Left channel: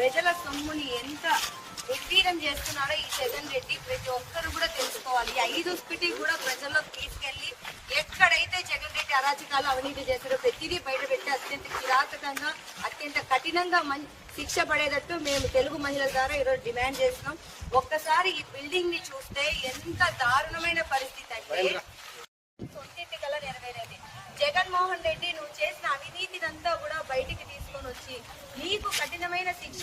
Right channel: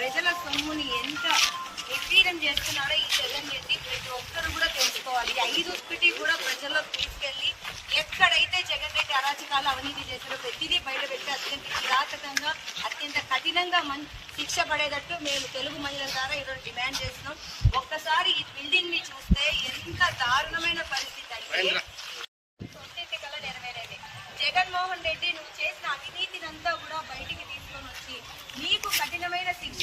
ప్రజల సొమ్ముని ఎంత నిర్వీర్యం చేస్తున్నారో ఈ జగన్ రెడ్డి ప్రతి ఒక్కరు కూడా తెలుసుకోవాలి. 5 కూడా ప్రజల్లోకి తీసుకెళ్లి ఎక్కడైతే జగన్ రెడ్డి అరాచకాలు అవినీతి చేస్తారో ప్రతిదీ బయటపెట్టి అత్యంత కిరాతకంగా అత్యంత కఠినంగా శిక్ష పడేటట్టు మేము తెలుగు మహిళల ద్వారా ఈరోజు డిమాండ్ చేస్తున్నాం. ఒక్కసారి ఈ బిల్డింగ్ ని చూస్తే ఎంత దారుణమైన పరిస్థితి అంటే సొంతింటి కల నెరవేరేది. జగన్మోహన్ రెడ్డి నువ్వు చేసిన అవినీతినంతా కూడా బయటికి తీసుకొని వచ్చి మీకు కఠినమైన శిక్ష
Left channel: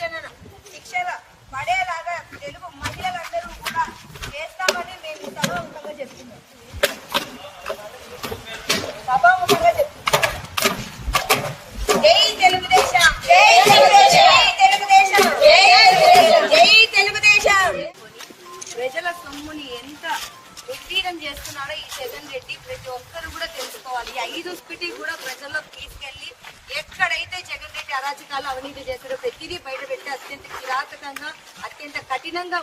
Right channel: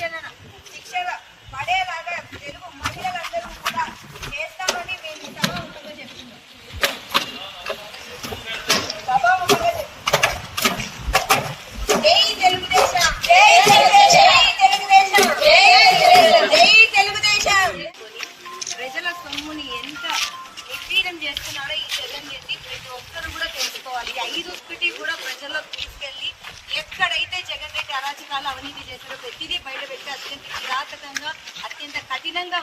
పడేలాగా తెలుగు మహిళలందరూ కూడా చేస్తామని మేము సభాముఖంగా చెప్తున్నాం. జై తెలుగుదేశం, జై తెలుగుదేశం, జై తెలుగుదేశం, జై తెలుగుదేశం. ప్రజల సొమ్ముని ఎంత నిర్వీర్యం చేస్తున్నారో ఈ జగన్ రెడ్డి ప్రతి ఒక్కరు కూడా తెలుసుకోవాలి. 5 కూడా ప్రజల్లోకి తీసుకెళ్లి ఎక్కడైతే జగన్ రెడ్డి అరాచకాలు అవినీతి చేస్తారో ప్రతిదీ బయటపెట్టి అత్యంత కిరాతకంగా అత్యంత కఠినంగా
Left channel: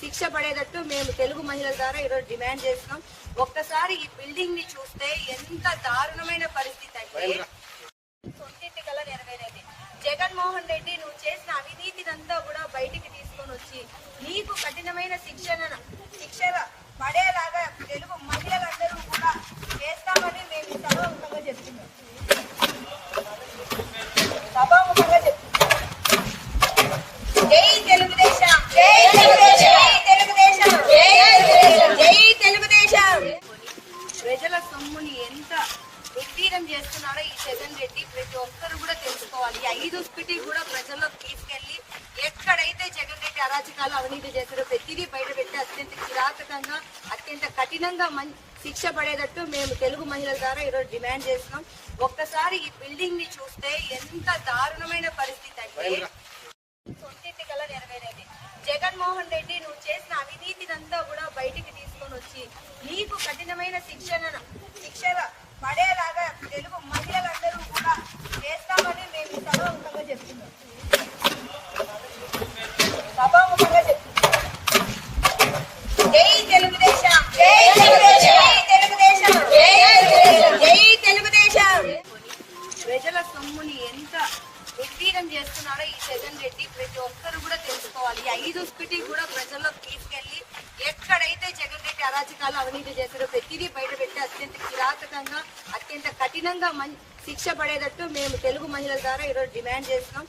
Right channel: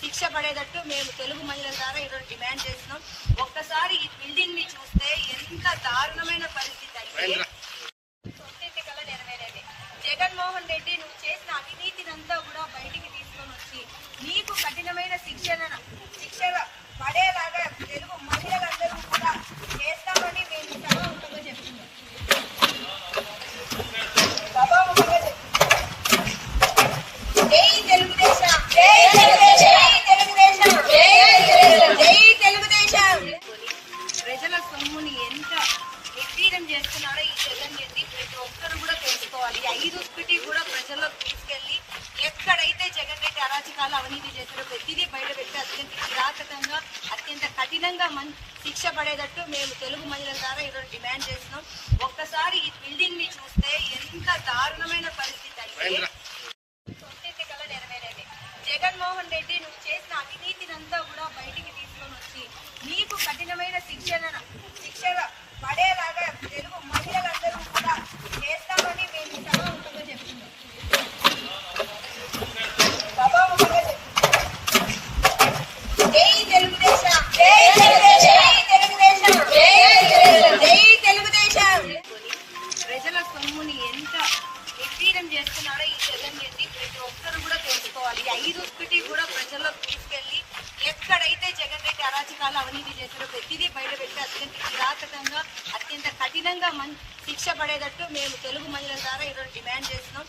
శిక్ష పడేటట్టు మేము తెలుగు మహిళల ద్వారా ఈరోజు డిమాండ్ చేస్తున్నాం. ఒక్కసారి ఈ బిల్డింగ్ ని చూస్తే ఎంత దారుణమైన పరిస్థితి అంటే సొంతింటి కల నెరవేరేది. జగన్మోహన్ రెడ్డి నువ్వు చేసిన అవినీతినంతా కూడా బయటికి తీసుకొని వచ్చి మీకు కఠినమైన శిక్ష పడేలాగా తెలుగు మహిళలందరూ కూడా చేస్తామని మేము సభాముఖంగా చెప్తున్నాం. జై తెలుగుదేశం, జై తెలుగుదేశం, జై తెలుగుదేశం, జై తెలుగుదేశం. ప్రజల సొమ్ముని ఎంత నిర్వీర్యం చేస్తున్నారో ఈ జగన్ రెడ్డి ప్రతి ఒక్కరు కూడా తెలుసుకోవాలి. 5 కూడా ప్రజల్లోకి తీసుకెళ్లి ఎక్కడైతే జగన్ రెడ్డి అరాచకాలు అవినీతి చేస్తారో ప్రతిదీ బయటపెట్టి అత్యంత కిరాతకంగా అత్యంత కఠినంగా శిక్ష పడేటట్టు మేము తెలుగు మహిళల ద్వారా ఈరోజు డిమాండ్ చేస్తున్నాం. ఒక్కసారి ఈ బిల్డింగ్ ని చూస్తే ఎంత దారుణమైన పరిస్థితి అంటే సొంతింటి కల నెరవేరేది. జగన్మోహన్ రెడ్డి నువ్వు చేసిన అవినీతినంతా కూడా బయటికి తీసుకొని వచ్చి మీకు కఠినమైన శిక్ష పడేలాగా తెలుగు మహిళలందరూ కూడా చేస్తామని మేము సభాముఖంగా చెప్తున్నాం. జై తెలుగుదేశం, జై తెలుగుదేశం, జై తెలుగుదేశం, జై తెలుగుదేశం. ప్రజల సొమ్ముని ఎంత నిర్వీర్యం చేస్తున్నారో ఈ జగన్ రెడ్డి ప్రతి ఒక్కరు కూడా తెలుసుకోవాలి. 5 కూడా ప్రజల్లోకి తీసుకెళ్లి ఎక్కడైతే జగన్ రెడ్డి అరాచకాలు అవినీతి చేస్తారో ప్రతిదీ బయటపెట్టి అత్యంత కిరాతకంగా అత్యంత కఠినంగా శిక్ష పడేటట్టు మేము తెలుగు మహిళల ద్వారా ఈరోజు డిమాండ్ చేస్తున్నాం.